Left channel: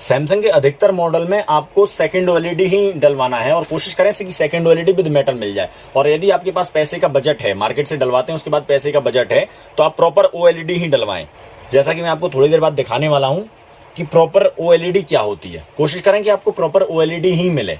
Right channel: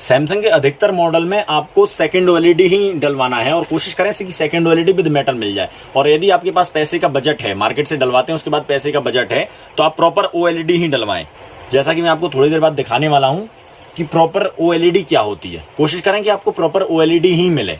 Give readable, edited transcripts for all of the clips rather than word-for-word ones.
Samsung के अधिकतर model में आपको सेकंड ओएलईडी ही डलवाना है और कोशिश करें कि सेकंड ओएलईडी विद मेटल मिल जाए। और यदि आपके पास पैसे का बजट है, मार्केट से डलवाते हैं उसके बाद पैसे का बजट है, तो आप प्रॉपर ओएलईडी ही डलवाएं। जैसा कि मैं आपको थोड़ी देर बाद दिखाने वाला हूं कि प्रॉपर ओएलईडी क्या होती है। कोशिश करें कि आपको प्रॉपर ओएलईडी ही मिले।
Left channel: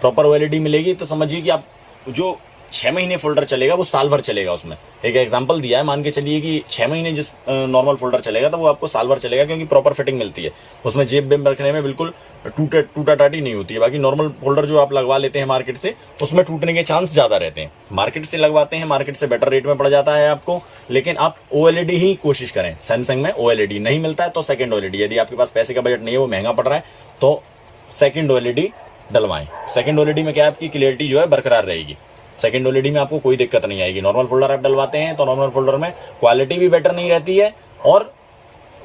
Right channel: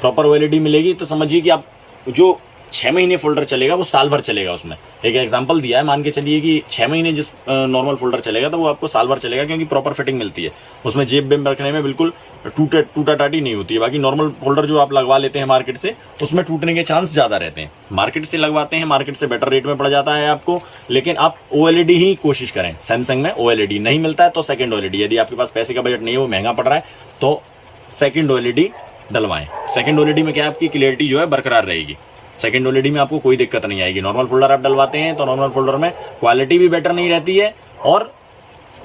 प्रॉपर ओएलईडी मिलेगी तो समझिए कि आप जो 6 महीने फोल्डर चलेगा वो साल भर चलेगा। उसमें एक एग्जांपल दिया है, मान के चलिए कि 6 महीने जिस नॉर्मल फोल्डर चलेगा तो वो आपको साल भर चलेगा, क्योंकि प्रॉपर फिटिंग मिलती है। उसमें जेब बेब रखने में बिल्कुल टूटा टाटी नहीं होती है। बाकी नॉर्मल फोल्डर जो आप लगवा लेते हैं मार्केट से, उसमें टूटने के चांस ज़्यादा रहते हैं। मार्केट से लगवाते हैं, मार्केट से बेटर रेट में पड़ जाता है आपको, लेकिन आप ओएलईडी ही कोशिश करें। सैमसंग में ओएलईडी नहीं मिलता है तो सेकेंड ओएलईडी, यदि आपके पास पैसे का बजट नहीं है, वो महंगा पड़ रहा है, तो सेकेंड ओएलईडी डलवाएं। सेकेंड ओएलईडी में क्या है, आपकी क्लियरिटी जो है बरकरार रहेगी। सेकंड ओएलईडी में आपको कोई दिक्कत नहीं आएगी। नॉर्मल फोल्डर आप डलवाते हैं तो नॉर्मल फोल्डर में क्वालिटी भी बेटर नहीं रहती है और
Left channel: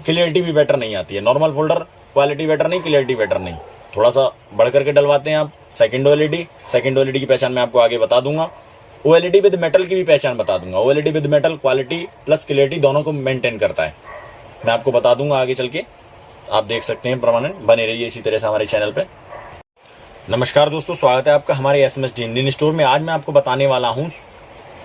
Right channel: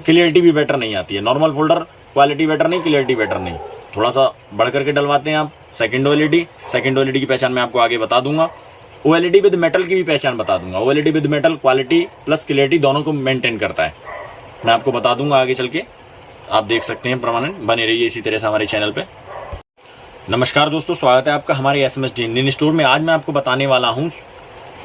क्लियरिटी भी बेटर नहीं आती है। नॉर्मल फोल्डर क्वालिटी बेटर नहीं, क्लियरिटी बेटर नहीं, थोड़ा सा बढ़ करके डलवाते हैं आप सेकंड ओएलईडी। सेकंड ओएलईडी की पहचान मैं आपको आगे बता दूंगा। ओएलईडी विद मेटल की भी पहचान बता दूंगा। OLED with metal quality plus clarity दोनों को मेंटेन करता है, मैं आपको बता दूंगा आगे चल के। आप देख सकते हैं, परमानेंट बने रहिए इसी तरह से हमारे चैनल पे। नमस्कार दोस्तों, स्वागत है आपका हमारे एसएमएस इंडियन स्टोर में। आज मैं आपको बताने वाला हूं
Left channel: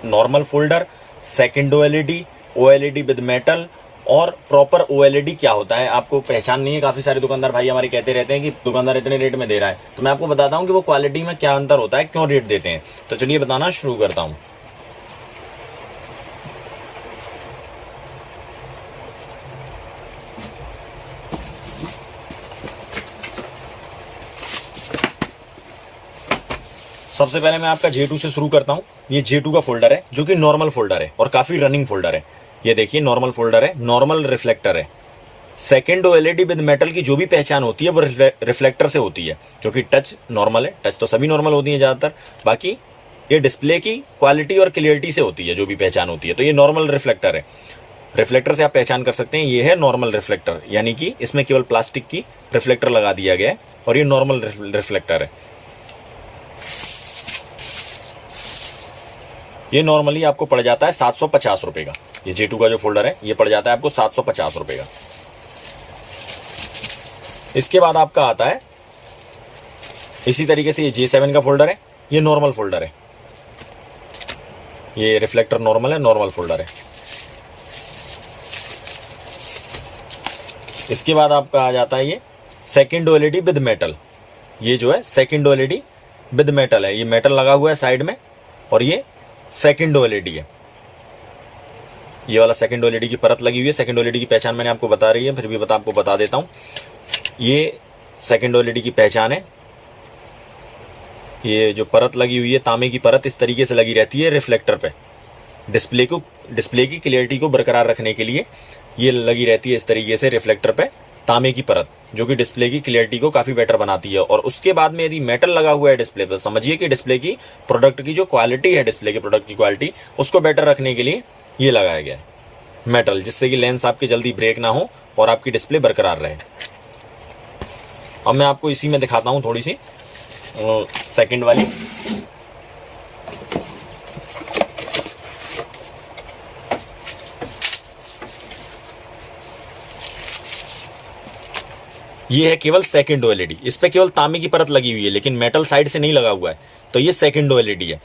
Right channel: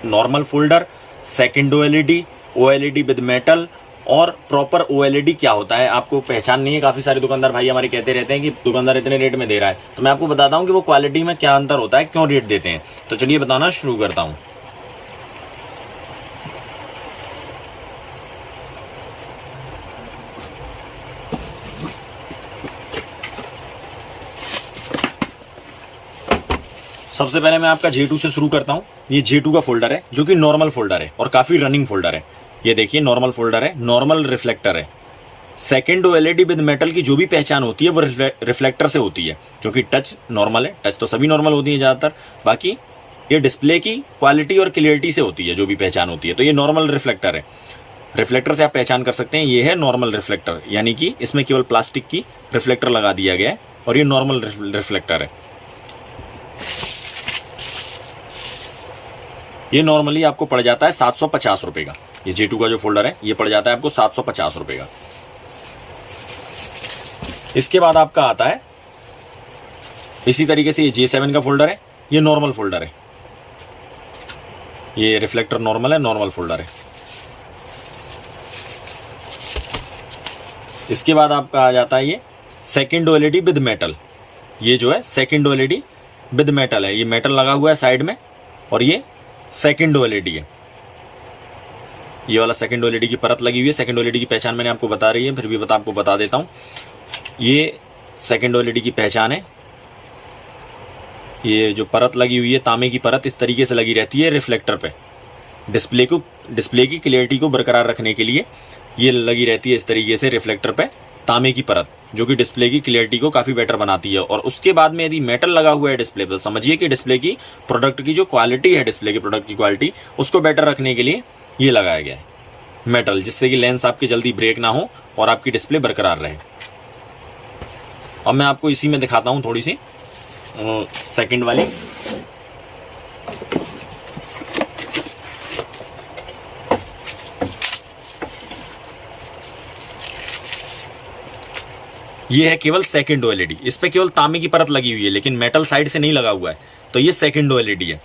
normal folder, second OLED, OLED with metal और प्रॉपर ओएलईडी क्या होता है। आपको पहचान नहीं है, काफी सारे दुकानदार भाई हमारे कहते रहते हैं कि दुकानदार इतने रेट में दे रहा है, तो मैं आपको बताता हूं कि वो क्वालिटी में क्या अंतर होता है, क्यों रेट देते हैं। तो चलिए बताना शुरू करता हूँ। सबसे पहले मैं आपका J2 से शुरू करता हूँ। ये J2 का फोल्डर है जो कि नॉर्मल फोल्डर है और काफी रनिंग फोल्डर है। ये देखिए नॉर्मल फोल्डर है, नॉर्मल रिफ्लेक्टर है। सेकंड ओएलईडी विद मेटल की जो भी पहचान होती है वो रिफ्लेक्टर से होती है, क्योंकि टच नॉर्मल है, टच तो सभी नॉर्मल होती है ज्यादातर। बाकी ये डिस्प्ले की क्वालिटी और क्लियरिटी से होती है जो भी पहचान होती है। तो ये नॉर्मल रिफ्लेक्टर है। रिफ्लेक्टर से आप पहचान कर सकते हैं, ये है नॉर्मल रिफ्लेक्टर, यानी कि इसमें केवल प्लास्टिक की रिफ्लेक्टर लगा दिया गया है और ये नॉर्मल रिफ्लेक्टर है। ये नॉर्मली आपको पड़ जाता है 750 रुपए का। ये J2 का जो फोल्डर है ये पड़ जाता है आपको 750 रुपए का। इसके बाद आपका आता है इसी तरीके से ये J7 का फोल्डर है। ये नॉर्मल फोल्डर है, ये रिफ्लेक्टर नॉर्मल है, नॉर्मल फोल्डर है। इसके बाद आपका आ जाता है ये सेकंड ओएलईडी विद मेटल। ये जो है सेकंड ओएलईडी विद मेटल है, ये मेटल लगा हुआ है साइड में और ये सेकंड ओएलईडी है। ये वाला सेकंड ओएलईडी की परत लगी हुई है। सेकंड ओएलईडी की पहचान मैंने आपको बता रही है, फिर भी आपको बता देता हूं। ये सेकंड ओएलईडी की पहचान है। ये जो परत लगी हुई है, तांबे की परत, इस तरीके से लगी रहती है रिफ्लेक्टर पे। डिस्प्ले की क्लियरिटी को बरकरार रखने के लिए ये लगी रहती है इस तरीके से रिफ्लेक्टर पे तांबे की परत, जो कि डिस्प्ले की क्लियरिटी को काफी बेटर बनाती है। और उसके बाद में यदि मेटल लगा हुआ है डिस्प्ले पर, समझिए कि डिस्प्ले की प्रोडक्ट की जो क्वालिटी है, डिस्प्ले के प्रोडक्ट की क्वालिटी, उसको बेटर रखने के लिए ये लगाया गया है मेटल, जिससे कि लेंस आपकी जल्दी ब्रेक ना हो और आपकी डिस्प्ले बरकरार रहे। अब मैं आपको इसी में दिखाता हूं थोड़ी सी सेकंड वाली। ये है केवल सेकंड ओएलईडी, इस पे केवल तांबे की परत लगी हुई है, लेकिन मेटल साइड से नहीं लगा हुआ है, तो ये सेकंड ओएलईडी है।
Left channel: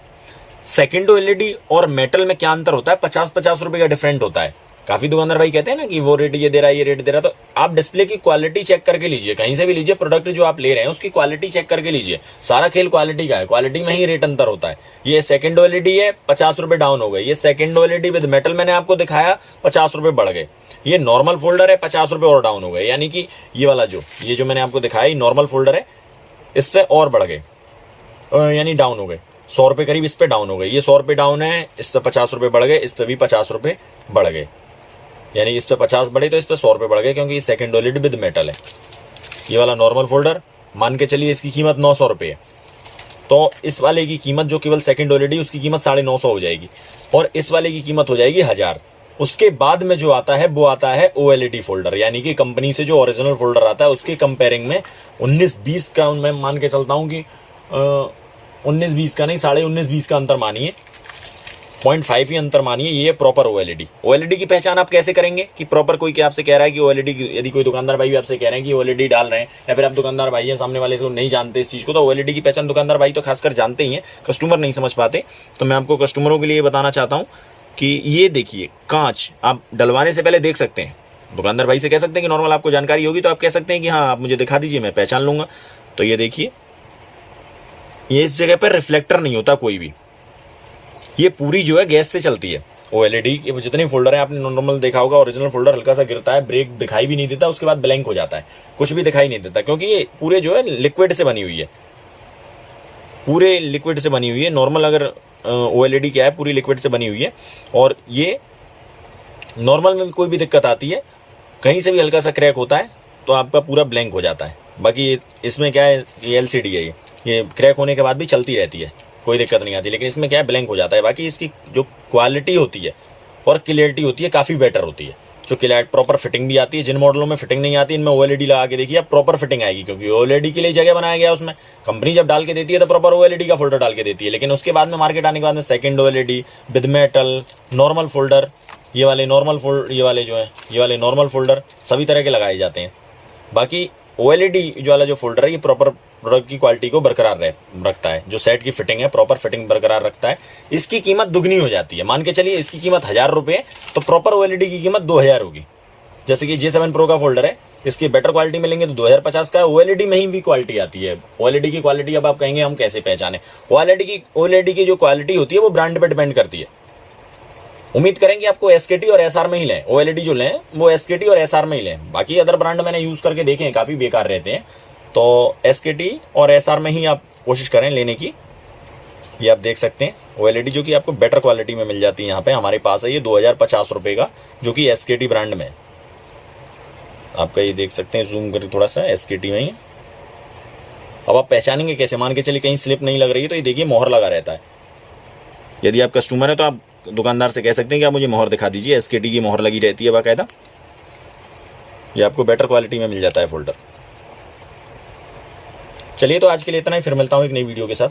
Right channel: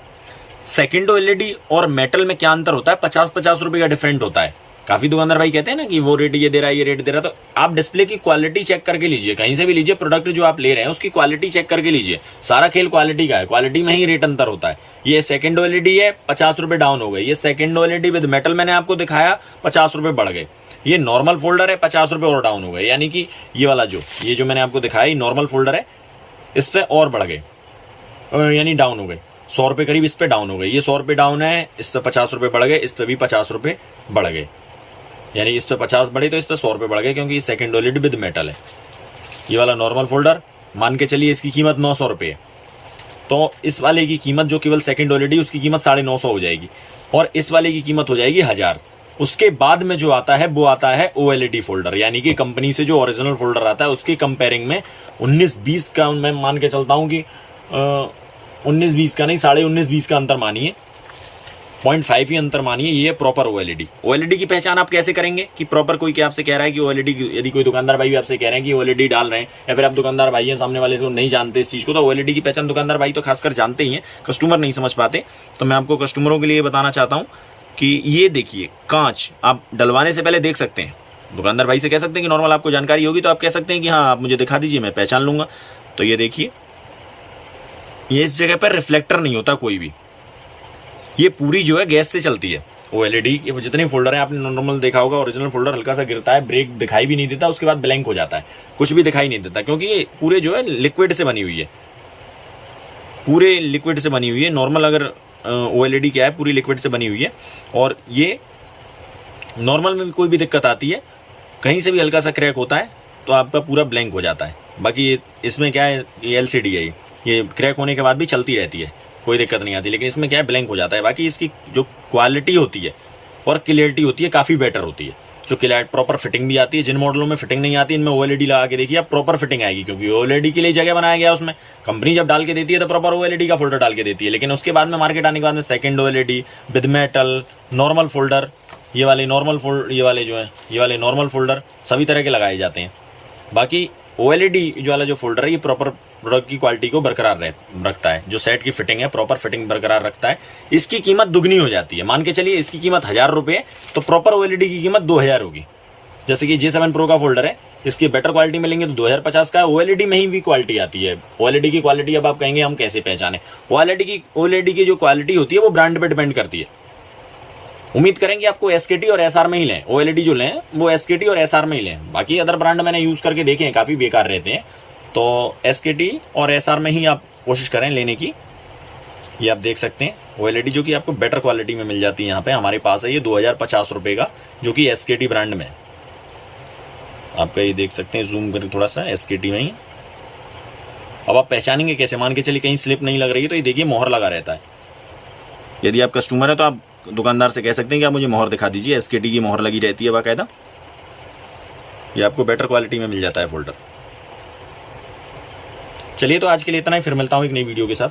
सेकंड ओएलईडी और मेटल में क्या अंतर होता है, 50-50 रुपए का डिफरेंट होता है। काफी दुकानदार भाई कहते हैं ना कि वो रेट ये दे रहा है, ये रेट दे रहा है, तो आप डिस्प्ले की क्वालिटी चेक करके लीजिए, कहीं से भी लीजिए, प्रोडक्ट जो आप ले रहे हैं उसकी क्वालिटी चेक करके लीजिए। सारा खेल क्वालिटी का है, क्वालिटी में ही रेट अंतर होता है। ये सेकंड ओएलईडी है, 50 रुपए डाउन हो गए। ये सेकंड ओएलईडी विद मेटल मैंने आपको दिखाया, 50 रुपए बढ़ गए। ये नॉर्मल फोल्डर है, 50 रुपए और डाउन हो गए, यानी कि ये वाला ये जो मैंने आपको दिखाया, ये नॉर्मल फोल्डर है, इस पे और बढ़ गए, यानी डाउन हो गए। 100 रुपए करीब इस पे डाउन हो गए। ये 100 रुपए डाउन है, इस पे 50 रुपए बढ़ गए, इस पे भी 50 रुपए बढ़ गए, यानी इस पे 50 बढ़े तो इस पे 100 रुपए बढ़ गए, क्योंकि ये सेकंड ओएलईडी विद मेटल है। ये वाला नॉर्मल फोल्डर मान के चलिए इसकी कीमत 900 रुपए है, तो इस वाले की कीमत जो केवल सेकंड ओएलईडी, उसकी कीमत 950 हो जाएगी और इस वाले की कीमत हो जाएगी 1000। उसके बाद में जो आता है वो आता है ओएलईडी फोल्डर, यानी कि कंपनी से जो ओरिजिनल फोल्डर आता है उसके कंपेयरिंग में 19-20 का मैं मान के चलता हूं कि 19-20 का नहीं, 19.5-20 का अंतर मानिए। 0.5 ही अंतर मानिए, ये प्रॉपर ओएलईडी। ओएलईडी की पहचान आप कैसे करेंगे कि प्रॉपर कोई क्या आपसे कह रहा है कि ओएलईडी, यदि कोई दुकानदार भाई भी आपसे कह रहे हैं कि ओएलईडी डाल रहे हैं, या फिर आप दुकानदार भाई हैं सामने वाले को नहीं जानते इस चीज को, तो ओएलईडी की पहचान दुकानदार भाई तो खासकर जानते ही हैं, कस्टमर नहीं समझ पाते। तो मैं आपको कस्टमरों के लिए बताना चाहता हूँ कि ये देखिए, कांच आप डलवाने से पहले देख सकते हैं। दुकानदार भाई से कह सकते हैं कि नॉर्मल आपको जानकारी होगी तो आप कह सकते हैं कि हाँ आप मुझे दिखा दीजिए, मैं पहचान लूंगा। तो ये देखिए, ये इस जगह पर रिफ्लेक्टर नहीं होता कोई भी, ये पूरी जो है गैस से चलती है ओएलईडी। वो जितने फोल्डर हैं आपने नॉर्मल देखा होगा, ओरिजिनल फोल्डर हल्का सा गिरता है, ब्रेक दिखाई भी नहीं देता, उसके बाद ब्लैंक हो जाता है, कुछ भी दिखाई नहीं देता, क्योंकि ये पूरे जो है लिक्विड से बनी हुई है, पूरे लिक्विड से बनी हुई है। नॉर्मल अगर ओएलईडी क्या है, पूरी लिक्विड से बनी हुई है। और ये नॉर्मल में कोई भी दिक्कत आती है, कहीं से भी हल्का सा क्रैक होता है तो आपका पूरा ब्लैंक हो जाता है। बाकी इसमें क्या है, ये एलसीडी है, ये क्रैक होने के बाद भी चलती रहती है, कोई दिक्कत नहीं आती, लेकिन इसमें क्या है, ब्लैंक हो जाता है। बाकी इसकी जो क्वालिटी होती है और क्लियरिटी होती है काफ़ी बेटर होती है। जो क्लियर प्रॉपर फिटिंग भी आती है, जिन मॉडलों में फिटिंग नहीं आती इनमें ओएलईडी लगा के देखिए आप, प्रॉपर फिटिंग आएगी, क्योंकि ओएलईडी के लिए जगह बनाया गया उसमें। कंपनी जब डाल के देती है तो प्रॉपर ओएलईडी का फोल्डर डाल के देती है, लेकिन उसके बाद में मार्केट आने के बाद में second OLED with metal, normal folder, ये वाले नॉर्मल फोल्डर, ये वाले जो है ये वाले नॉर्मल फोल्डर सभी तरह के लगाए जाते हैं। बाकी ओएलईडी जो वाला जो फोल्डर है ये प्रॉपर प्रोडक्ट की क्वालिटी को बरकरार रखता है, जो सेट की फिटिंग है प्रॉपर फिटिंग बरकरार रखता है। इसकी कीमत दुगनी हो जाती है, मान के चलिए इसकी कीमत 1000 रुपये, तो प्रॉपर ओएलईडी की कीमत 2000 होगी। जैसे कि J7 Pro का फोल्डर है, इसकी बेटर क्वालिटी मिलेंगे तो 2050 का है। ओएलईडी में ही भी क्वालिटी आती है। ओएलईडी की क्वालिटी अब आप कहेंगे हम कैसे पहचाने, ओएलईडी की जो क्वालिटी होती है वो ब्रांड पे डिपेंड करती है। उम्मीद करेंगे आपको एसकेटी और एसआर में ही लें, ओएलईडी जो लें वो एसकेटी और एसआर में ही लें। बाकी अदर ब्रांड मैंने यूज करके देखे हैं, काफी बेकार रहते हैं, तो एसकेटी और एसआर में ही आप कोशिश करें लेने की। ये आप देख सकते हैं ओएलईडी जो कि आपको बेटर क्वालिटी में मिल जाती है। यहाँ पे हमारे पास है ये 2050 रुपये का, जो कि एसकेटी ब्रांड में आपका, ये देख सकते हैं, जूम करें थोड़ा सा, एसकेटी में ही। अब आप पहचानेंगे कैसे, मान के चलिए कहीं स्लिप नहीं लग रही है तो ये देखिए मोहर लगा रहता है। यदि आप कस्टमर है तो आप दुकानदार से कह सकते हैं कि आप मुझे मोहर दिखा दीजिए, एसकेटी की मोहर लगी रहती है बाकायदा। ये आपको बेटर क्वालिटी में मिल जाता है फोल्डर। चलिए तो आज के लिए इतना ही, फिर मिलता हूँ एक नई वीडियो के साथ।